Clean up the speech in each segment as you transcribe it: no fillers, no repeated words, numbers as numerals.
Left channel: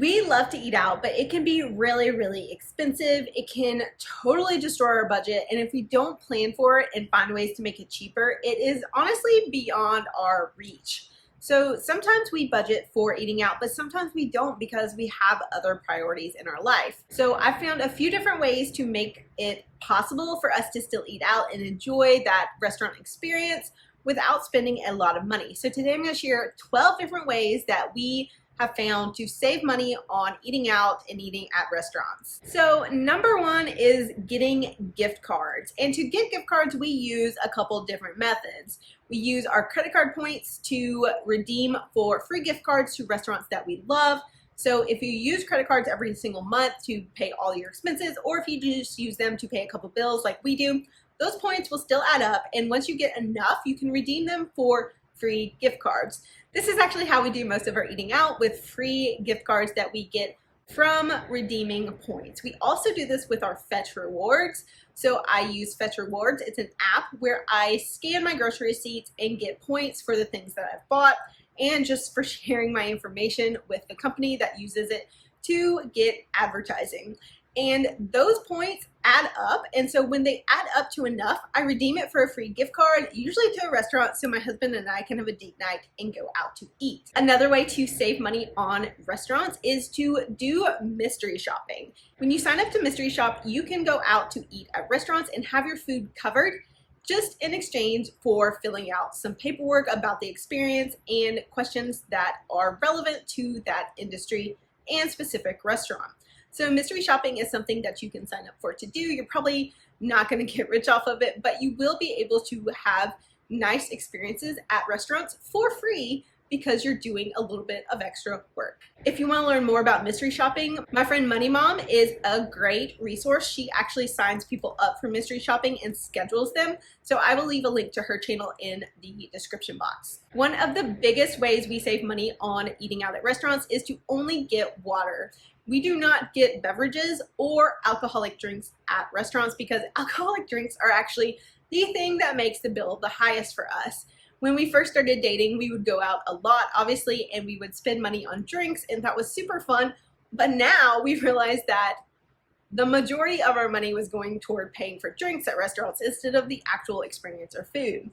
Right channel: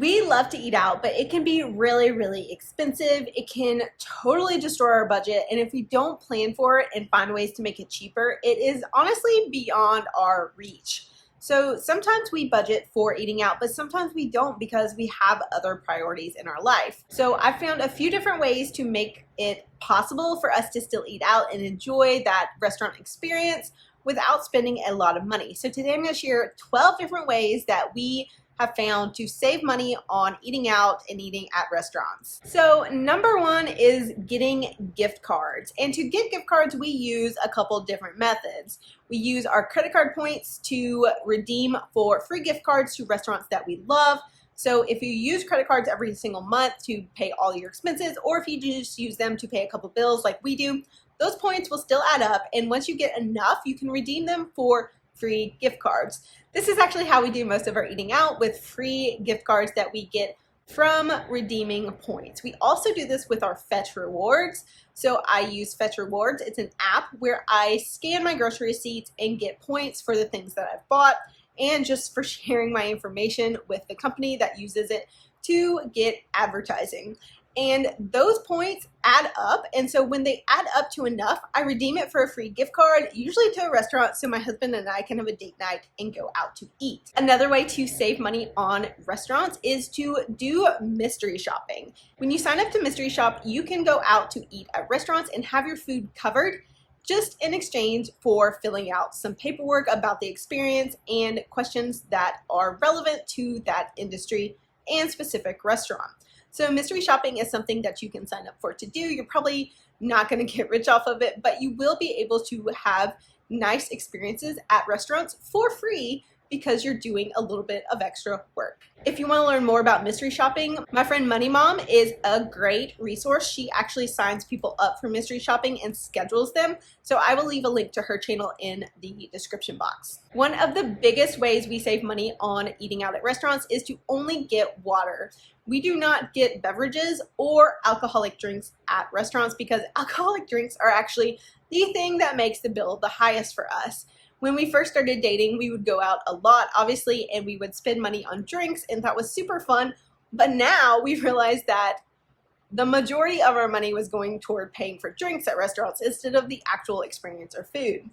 We love to eat out, but it can be really, really expensive. It can totally destroy our budget. And if we don't plan for it and find ways to make it cheaper, it is honestly beyond our reach. So sometimes we budget for eating out, but sometimes we don't because we have other priorities in our life. So I found a few different ways to make it possible for us to still eat out and enjoy that restaurant experience without spending a lot of money. So today I'm going to share 12 different ways that we have found to save money on eating out and eating at restaurants. So number one is getting gift cards. And to get gift cards, we use a couple different methods. We use our credit card points to redeem for free gift cards to restaurants that we love. So if you use credit cards every single month to pay all your expenses, or if you just use them to pay a couple bills like we do, those points will still add up. And once you get enough, you can redeem them for free gift cards. This is actually how we do most of our eating out, with free gift cards that we get from redeeming points. We also do this with our Fetch Rewards. So I use Fetch Rewards. It's an app where I scan my grocery receipts and get points for the things that I've bought and just for sharing my information with the company that uses it to get advertising. And those points add up, and so when they add up to enough, I redeem it for a free gift card, usually to a restaurant, so my husband and I can have a date night and go out to eat. Another way to save money on restaurants is to do mystery shopping. When you sign up to mystery shop, you can go out to eat at restaurants and have your food covered just in exchange for filling out some paperwork about the experience and questions that are relevant to that industry and specific restaurant. So mystery shopping is something that you can sign up for to do. You're probably not going to get rich off of it, but you will be able to have nice experiences at restaurants for free because you're doing a little bit of extra work. If you want to learn more about mystery shopping, my friend Money Mom is a great resource. She actually signs people up for mystery shopping and schedules them. So I will leave a link to her channel in the description box. One of the biggest ways we save money on eating out at restaurants is to only get water. We do not get beverages or alcoholic drinks at restaurants because alcoholic drinks are actually the thing that makes the bill the highest for us. When we first started dating, we would go out a lot, obviously, and we would spend money on drinks, and that was super fun. But now we realized that the majority of our money was going toward paying for drinks at restaurants instead of the actual experience or food.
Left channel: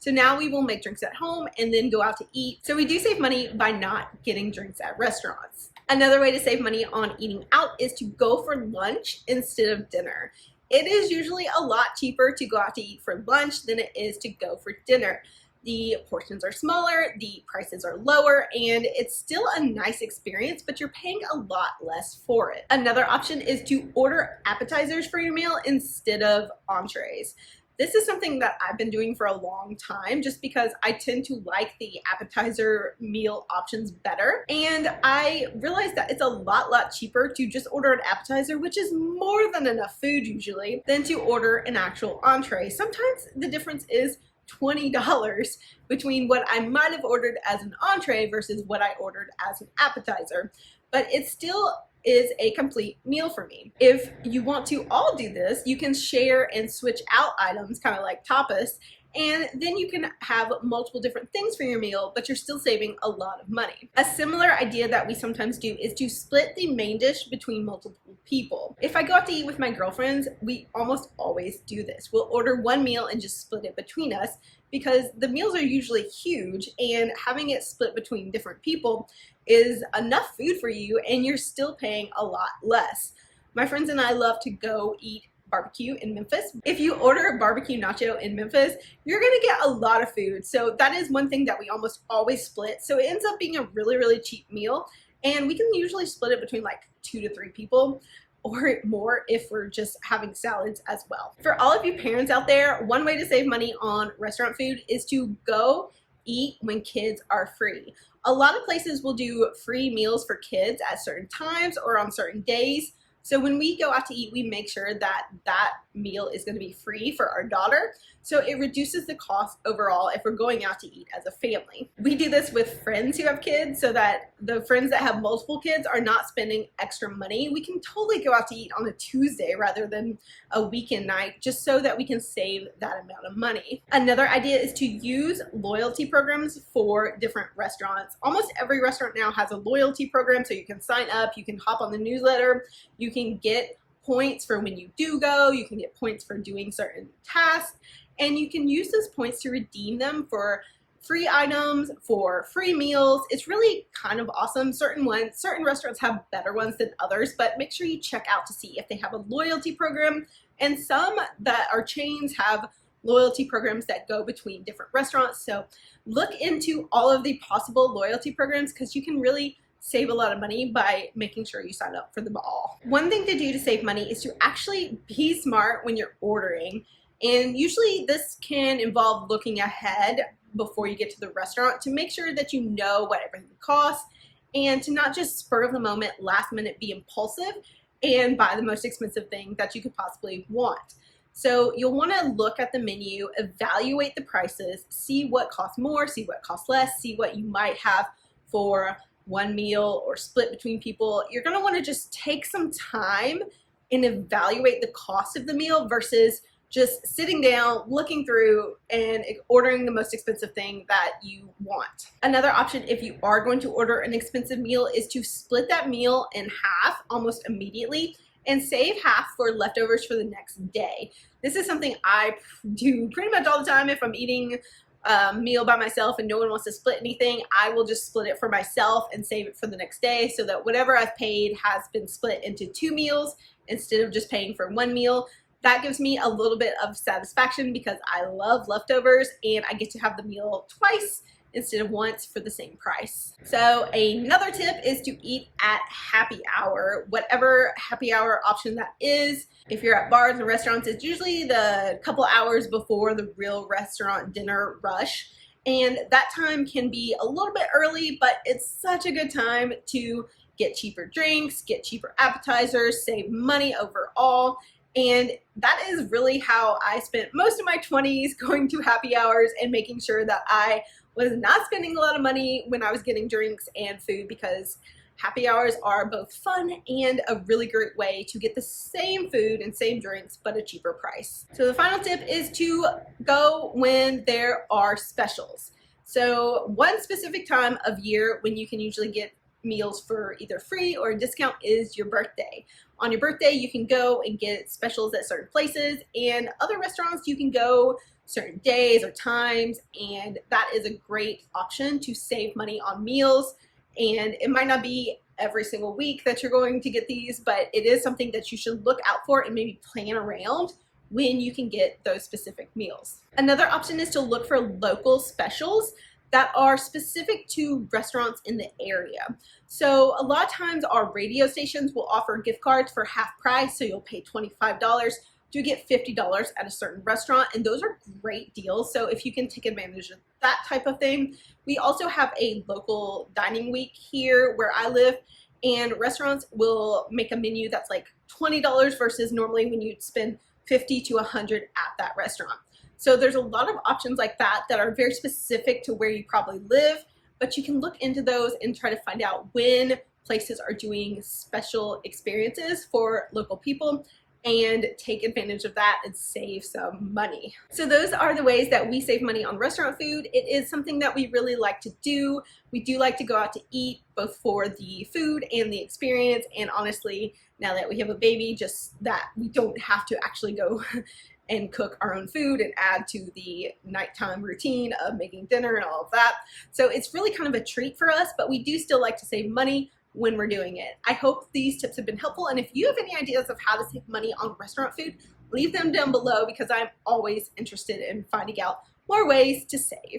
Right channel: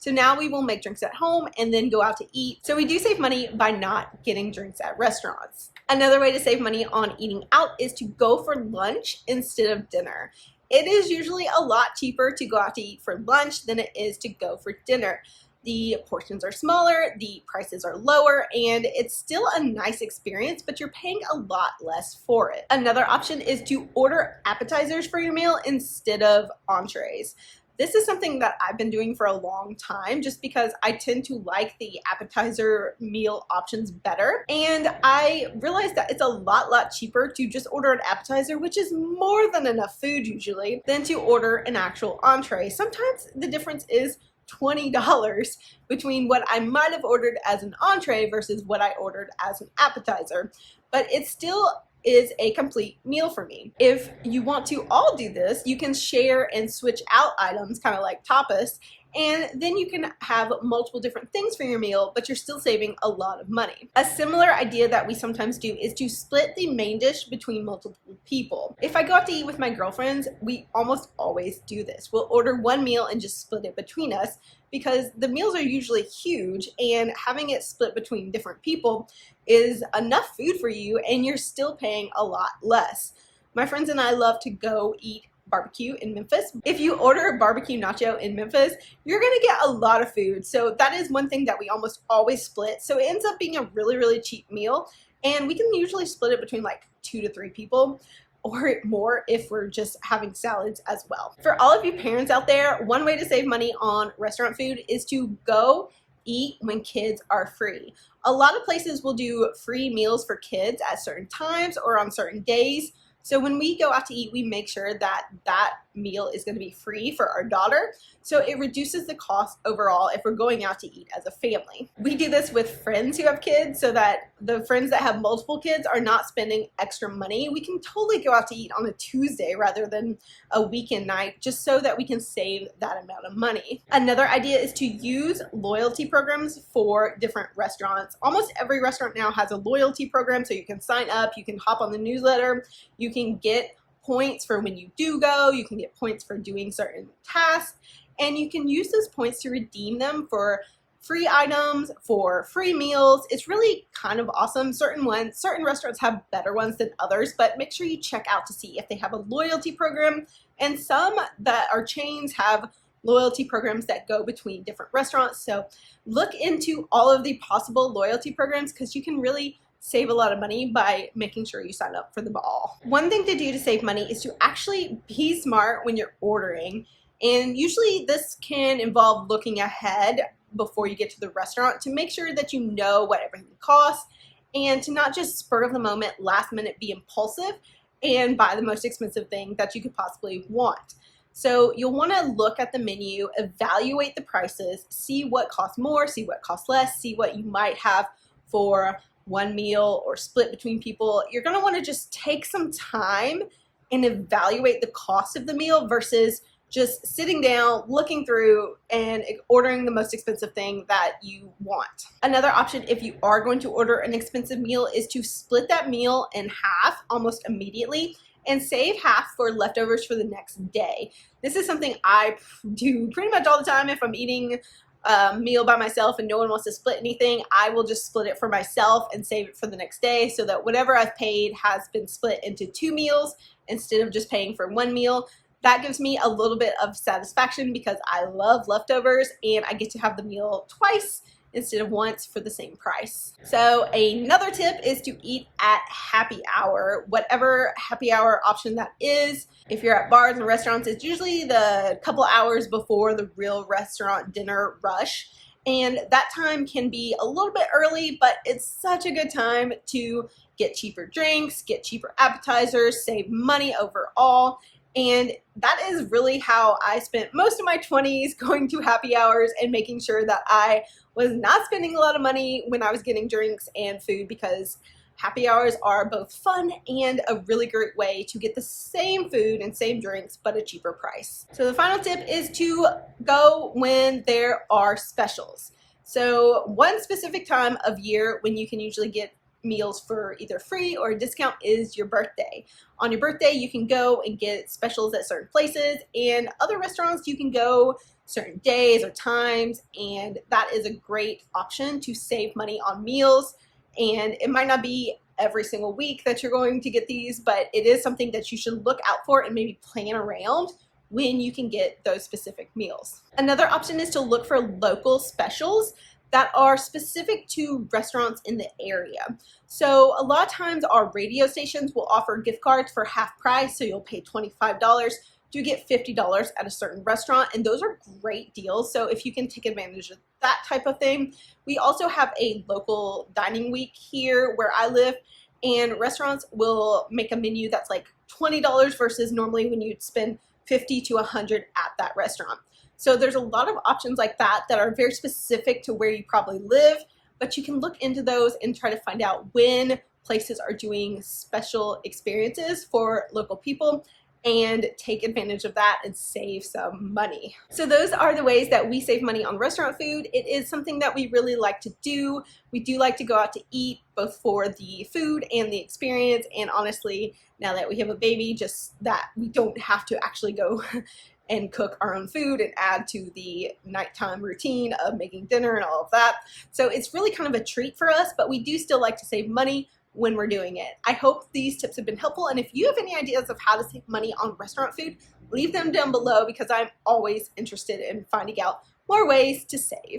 So now we will make drinks at home and then go out to eat. So we do save money by not getting drinks at restaurants. Another way to save money on eating out is to go for lunch instead of dinner. It is usually a lot cheaper to go out to eat for lunch than it is to go for dinner. The portions are smaller, the prices are lower, and it's still a nice experience, but you're paying a lot less for it. Another option is to order appetizers for your meal instead of entrees. This is something that I've been doing for a long time just because I tend to like the appetizer meal options better. And I realized that it's a lot cheaper to just order an appetizer, which is more than enough food usually, than to order an actual entree. Sometimes the difference is $20 between what I might have ordered as an entree versus what I ordered as an appetizer. But it still is a complete meal for me. If you want to all do this, you can share and switch out items, kind of like tapas, and then you can have multiple different things for your meal, but you're still saving a lot of money. A similar idea that we sometimes do is to split the main dish between multiple people. If I go out to eat with my girlfriends, we almost always do this. We'll order one meal and just split it between us because the meals are usually huge, and having it split between different people is enough food for you and you're still paying a lot less. My friends and I love to go eat barbecue in Memphis. If you order a barbecue nacho in Memphis, you're gonna get a lot of food. So that is one thing that we almost always split. So it ends up being a really cheap meal, and we can usually split it between like 2 to 3 people or more if we're just having salads as well. For all of you parents out there, one way to save money on restaurant food is to go eat when kids are free. A lot of places will do free meals for kids at certain times or on certain days. So when we go out to eat, we make sure that that meal is going to be free for our daughter. So it reduces the cost overall if we're going out to eat as a family. We do this with friends who have kids so that the friends that have multiple kids are not spending extra money. We can totally go out to eat on a Tuesday rather than a weekend night, just so that we can save that amount of money. Another idea is to use loyalty programs for different restaurants. Almost every restaurant now has a loyalty program, so you can sign up, you can hop on the newsletter, you can get points for when you do go, you can get points for doing certain tasks, and you can use those points to redeem them for free items, for free meals. It's really kind of awesome. Certain restaurants have better ones than others, but make sure you check out to see if they have a loyalty program. And some that are chains have loyalty programs that go between different restaurants. So look into all of the possible loyalty programs because you can really save a lot of money by making sure you sign up for them all. One thing to do to save money is to actually be smart when you're ordering. And usually this can involve looking ahead before you get to the restaurant to make sure that you know what everything costs and to not just spur of the moment, last minute be impulsive and buy the most expensive thing that you could possibly want. So you'll want to look at the menu, evaluate the prices, see what costs more, see what costs less, see what you might have for one meal or split between people. You're going to want to just take some time and evaluate the cost of the meal versus just sitting down, looking through, and ordering the most expensive thing that you want. Another option, if you are going to order an expensive meal, is to split that meal in half almost immediately and save half for leftovers for the next day. This is something I do pretty much all the time. If I'm eating a meal by myself and no one wants to split anything, I will just split it for myself and save it for the next day so that whatever I've paid has been split into 2 meals instead of just paying for 1 meal. That gives me a little bit of satisfaction because I love leftovers and I get to have the meal twice instead of once for the same price. So another tip is to eat at happy hour, whatever happy hour option that is. If you're at bars and restaurants, it's usually the couple hours before the real restaurant dinner rush. And that time can be a little bit early, but it's such a good time to get cheaper drinks, get cheaper appetizers, save money overall. And that is really how I spent most of my 20s, going to happy hours and making sure that I was not spending a lot of money when I was getting drinks and food, because happy hours are both fun and a really great way to get the same food and same drinks but a cheaper price. So the final tip is to go when there are specials. So one specific time of year when you can usually get meals for either free or a discount is your birthday. On your birthday, you can go and get specials at certain places, and other restaurants you can go certain days or times, and that is a great option to save money on meals. And it might not be every single week that you're going to get these, but it is something that you should look out for and maybe plan around when you can get those specific meals. Another option is to look for local specials that are specific to restaurants in the area. So a lot of times our radio stations will offer gift cards for half price, so you'll pay $25 to get $50 at a certain restaurant, and those are great deals. So if you can take advantage of that type of thing. We also have a local dining week here where I live, and restaurants will make a menu that's like $20 versus normally when you'd spend $50 to $100 at that restaurant. So there's a lot of options like that that are very specific to where you probably live, but you can look into those and try to find out when places are doing special experiences for local people and take advantage of that and save some money. So those are the ways that we save money on restaurant food. It is something that we really like to do. We do like to go out to eat, both for the food and the experience, and honestly, now that we have a baby, just that we don't have to actually go and cook our own food and add to the nighttime routine of making dinner and all of that. So it's really kind of a treat for us, but we do still like to save money when we're doing it. I hope these tips have been helpful, and if you have any ideas of how to save money on restaurant food, leave them down below because I'm always interested in finding out more ways to save.